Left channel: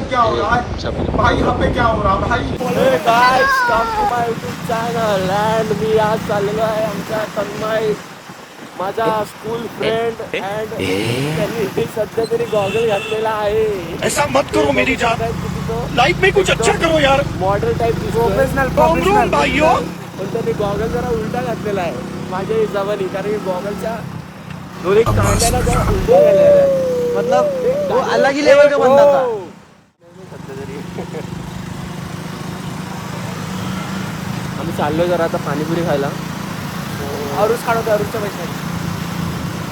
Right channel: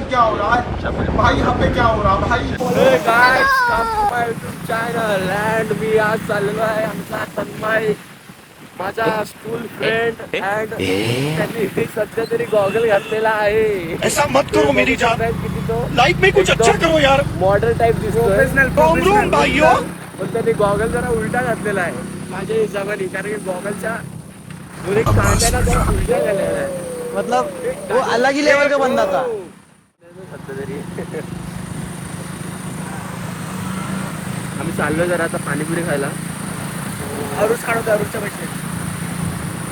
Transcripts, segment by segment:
क्या हो रहा है भाई, यहाँ पे क्या हो रहा है भाई? Hey guys, come to my YouTube channel and मी आज चाललेलो आहे आमचा तन्मय, माझा स्कूल फ्रेंड अँड त्यांनी सध्या तरी गॉगल घातलेला आहे. ऐसा मत करो मेरी जान, लाइफ में कुछ अच्छा करो यार. मॉडेल टाइप दिसतो प्रोफेशनल भाइयों. पण त्यांनी गॉगल जरा उलटा घातलेला आहे माझ्या हिशोबाने, कारण की गॉगलच्या दोन्ही कांद्याला जरा उलट्या झालेल्या आहेत. मतलब वो अलग ही लेवल का बंदा था. सध्या तरी आम्ही चाललो जरा आता पाणीपुरी खायला. अरुष खाणं होतं, अरुषच्या पैसे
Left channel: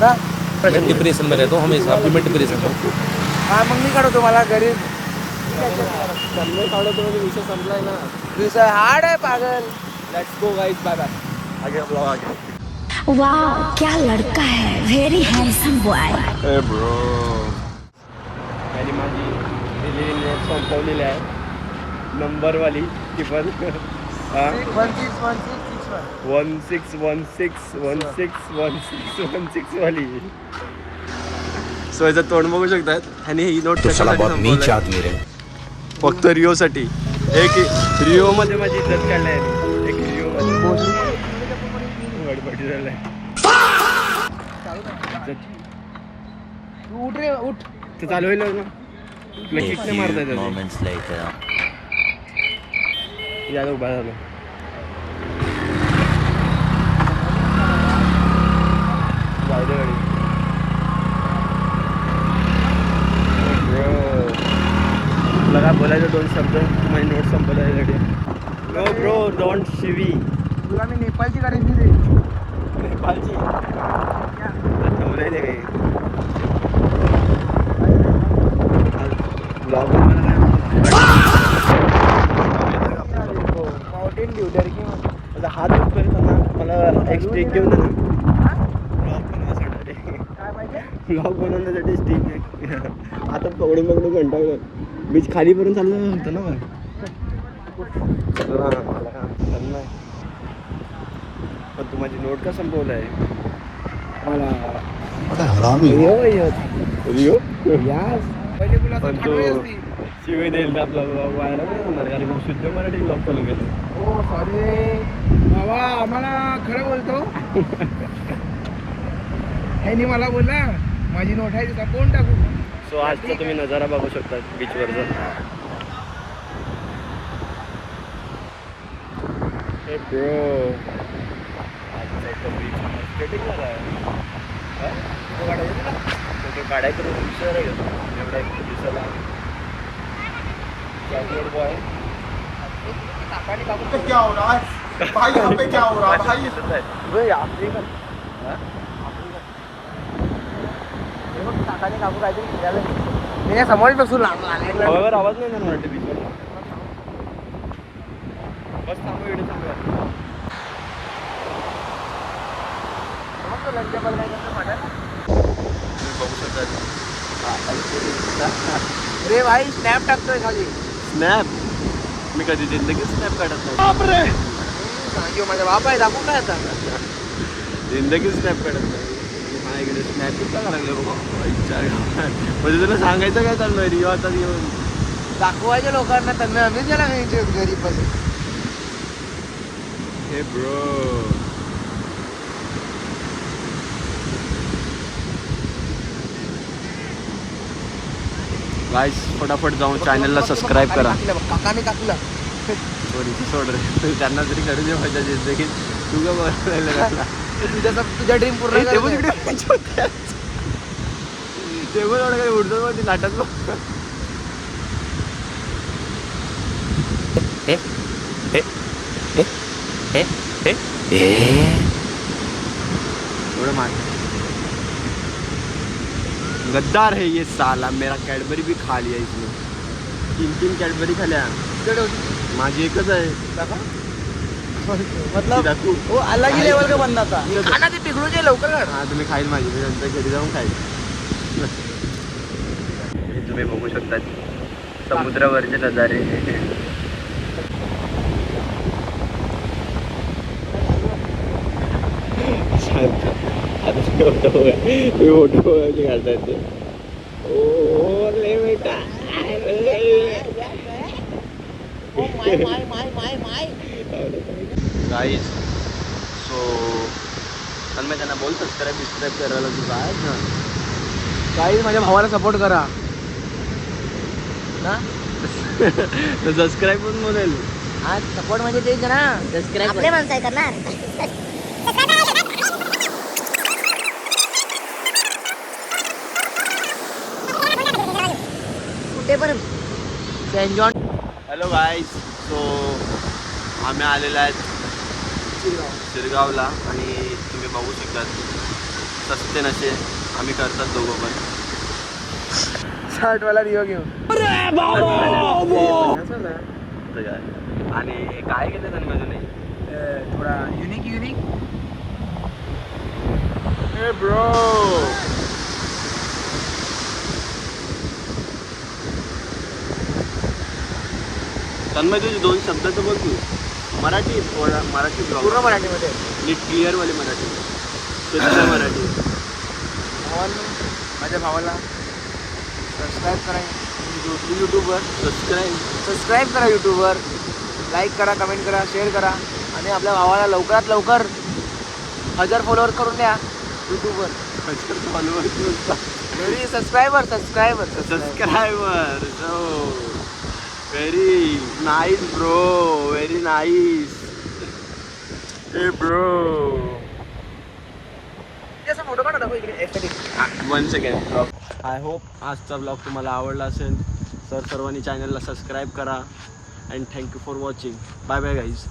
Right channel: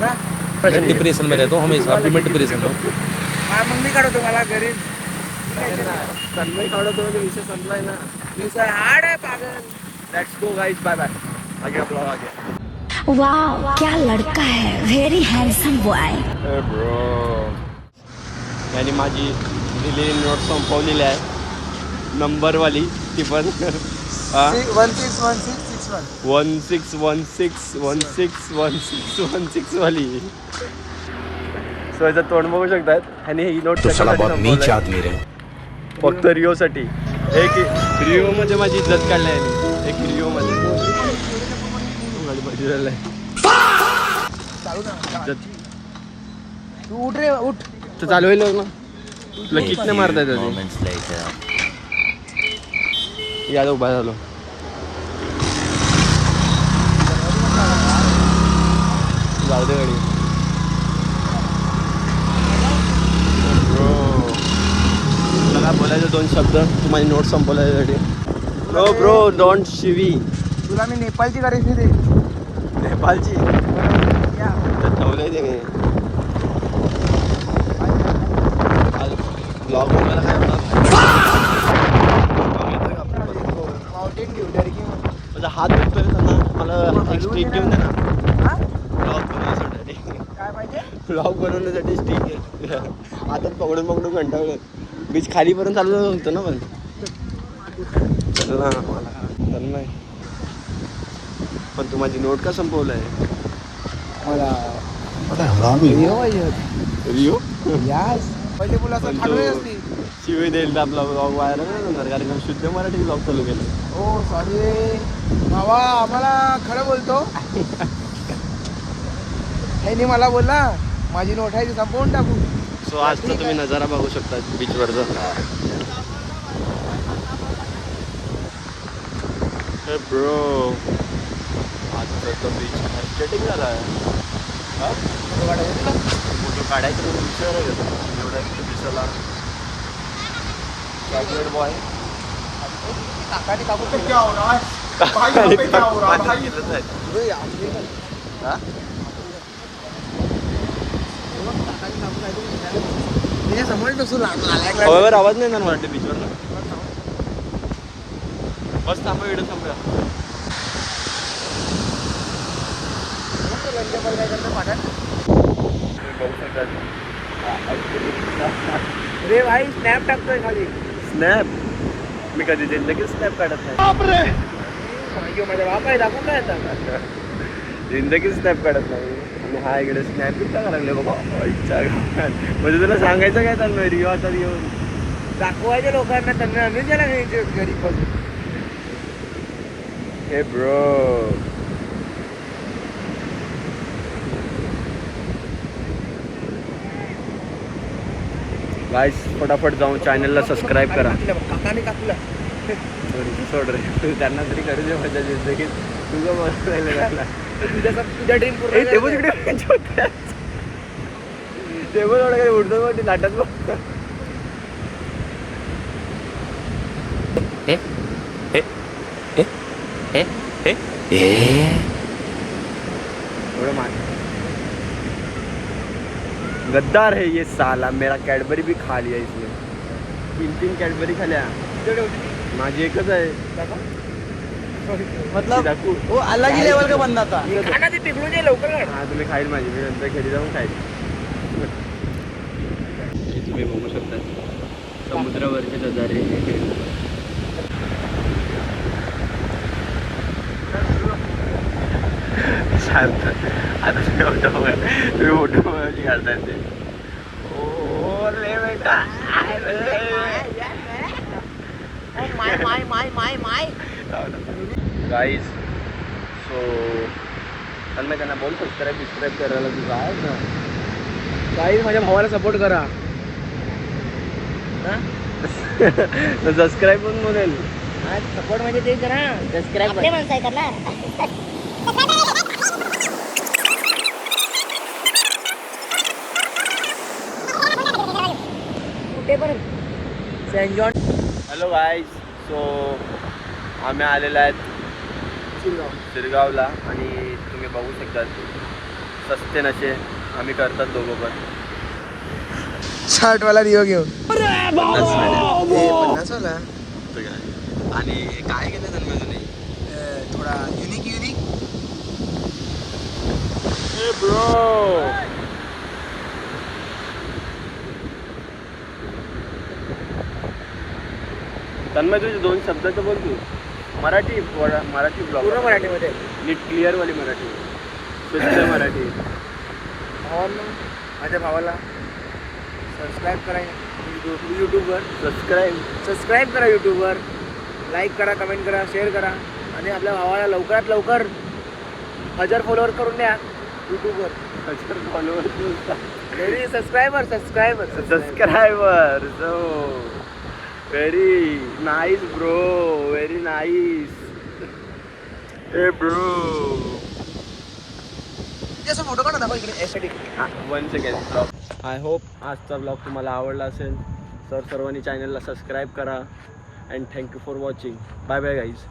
ना. डिप्रेशन में रहता हूँ हमेशा, अभी मैं डिप्रेशन में हूँ. हा मग मी काढतो मला घरी. तन्मय काढतो म्हणजे विषय संपलाय ना. विषय हार्ड आहे पागल. Let's go guys, bye bye. आगे ब्लॉग आगे. वाह क्या लड़का है, वेरी हैंडसम बॉय. ए ब्रो, यानी माझी दिलेली नोट संपवलेली आहे, नंबरवाली ती पण. 1616161616 वाली. सो याचं तोंड बघू शकतात. आणि ही नोट नीच आदमी रे. फक्त रिओ साठी. एक रिओ मध्ये माझी इज्जत काढली आहे. एक रिओ मध्ये गाडी पाठी झालाय. उठ रे उठ. तर चालू होईल ना तुला किक नाही मारता येत. या उभा झालो. जाऊ दे गाडी. तुला काय बोलायचं दोन शब्द, तू माझी नोट संपवल्यासाठी. नो ब्रो डोंट शिवी. तुला मी नेपाळची गाडी दिली. नेपाळची ठेवलंय ते. माझा हात दुखतोय त्यांना, मला एक स्टिक घेऊन दे ना. ब्लॉग बनवण्यासाठी स्टिक दे. आता पकडून पकडून कंटाळलो. बीच खालीपर्यंत चालू होतं ना. पण नाही, पण तू माझी नोट का संपवलं आहे? रिओ पहिले मुलं पण तो शिवाय देईल तर आपला ब्लॉग व्हायरल नाही होणार, कारण की शुद्ध मराठी ब्लॉग चालू केलं. हो सॉरी भावा, आम्हाला खरं बोलतो. त्यांनी मला बोलला माझी नोट आहे ती संपवून टाकू. सो आजचा तुम्ही नजारा बघू शकता बीचवरचा. हे ब्रो, आजचा बीच एस्थेटिक झाला आहे. फोटो काढायचं म्हणजे विचार आहे का एवढा एक दिसायला. Chocolate boy. क्या हो रहा है भाई, यहाँ पे क्या हो रहा है भाई? समोर बसून हवेवर आवाज नाही ना वाटते बीचवर ना. बस थांबा, व्हिडिओ थांबूया. काय करतो तुम्ही बघू शकता. रे भाई स्नॅप टाकतोय खाली. स्नॅप मी कधी जिंदगीत स्नॅप काढत नाही. माझा बाप आहे, दाखवू काय आता. जिंदगीत स्नॅप काढत नाही. आणि हा इकडे स्नॅप किती टाका लागले बाबा इच्छा गावात. म्हणजे तुला सांगायचं काय चाललं रिओ आता येऊन दाखवायच्या लोकांना, त्यांना आम्ही गेला घरी पासून. हे ब्रो, गाइस फटाफट जाऊन चॅनलला सबस्क्राईब करा. काकाने टाकलं. सोड रे, त्यांना तरी करू दे माझ्या जिंदगीत. तुझं बरं राहिलं त्याला. तुझा ड्रीम पूर्ण टेबल तिकडे टेबल एवढं काही उडतो ती लाटात. एवढं मान. गद्दार है ये साला. मेरा कैडबरी भी खा लिया इसने. 3 कैडबरी खाल्या. माझी एकच आहे. मतलब दाखवू. वो अलग ही लेवल का बंदा था. खाना ते पिघळू दे लवकर. हा तुम्ही खाईल माझी, मी नंतर घरी जाऊन खाईल. तुम्ही बघू शकता समुद्रावरचे नजारे. शांत. आता तुम्ही फोटो काढतायत ते. ओ ले बेटा. गाईज सो तन्मय त्यांना बोल सबस्क्राईब करायला तू काय ना काही माझ्या भावाला सपोर्ट करा ना. सबस्क्राईब पण बोलेल. आज सपोर्ट म्हणजे तेच ना, सबस्क्राईब आपले माणसं आहे करणार. कुठे पण Saint John hello guys so आम्ही आलेलो आहेत शिरगावला आणि तुम्ही बघू शकतात सस्ते नशे आम्ही करतात दोघं पण. शर्टवाला रिओ घेऊ. आणि काय केलं तन्मयने थोडा युनिक ब्रो. तन्मय तुझे 2 शब्द तर बोल तू. मराठी ब्लॉग पूर्ण मराठीमध्ये. नीट क्लिअरवाली मराठी, शुद्ध मराठी. भावांनो, माझ्या भावाला सबस्क्राईब करा यूट्यूबवर. सबस्क्राईब करा यूट्यूबवर. लाईक करा, कमेंट करा, शेअर करा आणि आपल्या भावाला लवकरात लवकर 1000 फॉलोअर करून द्या यूट्यूबवर. 1000 followers very subscriber. So very nice bro, very nice. ए ब्रो असं फोटो काढा दाखव इकडे aesthetic. 1 second blog. I hope आजचा ब्लॉग तुम्हाला आवडला असेल. सर्वांनी चॅनलला सबस्क्राईब करा and thank you for watching. Bye bye guys.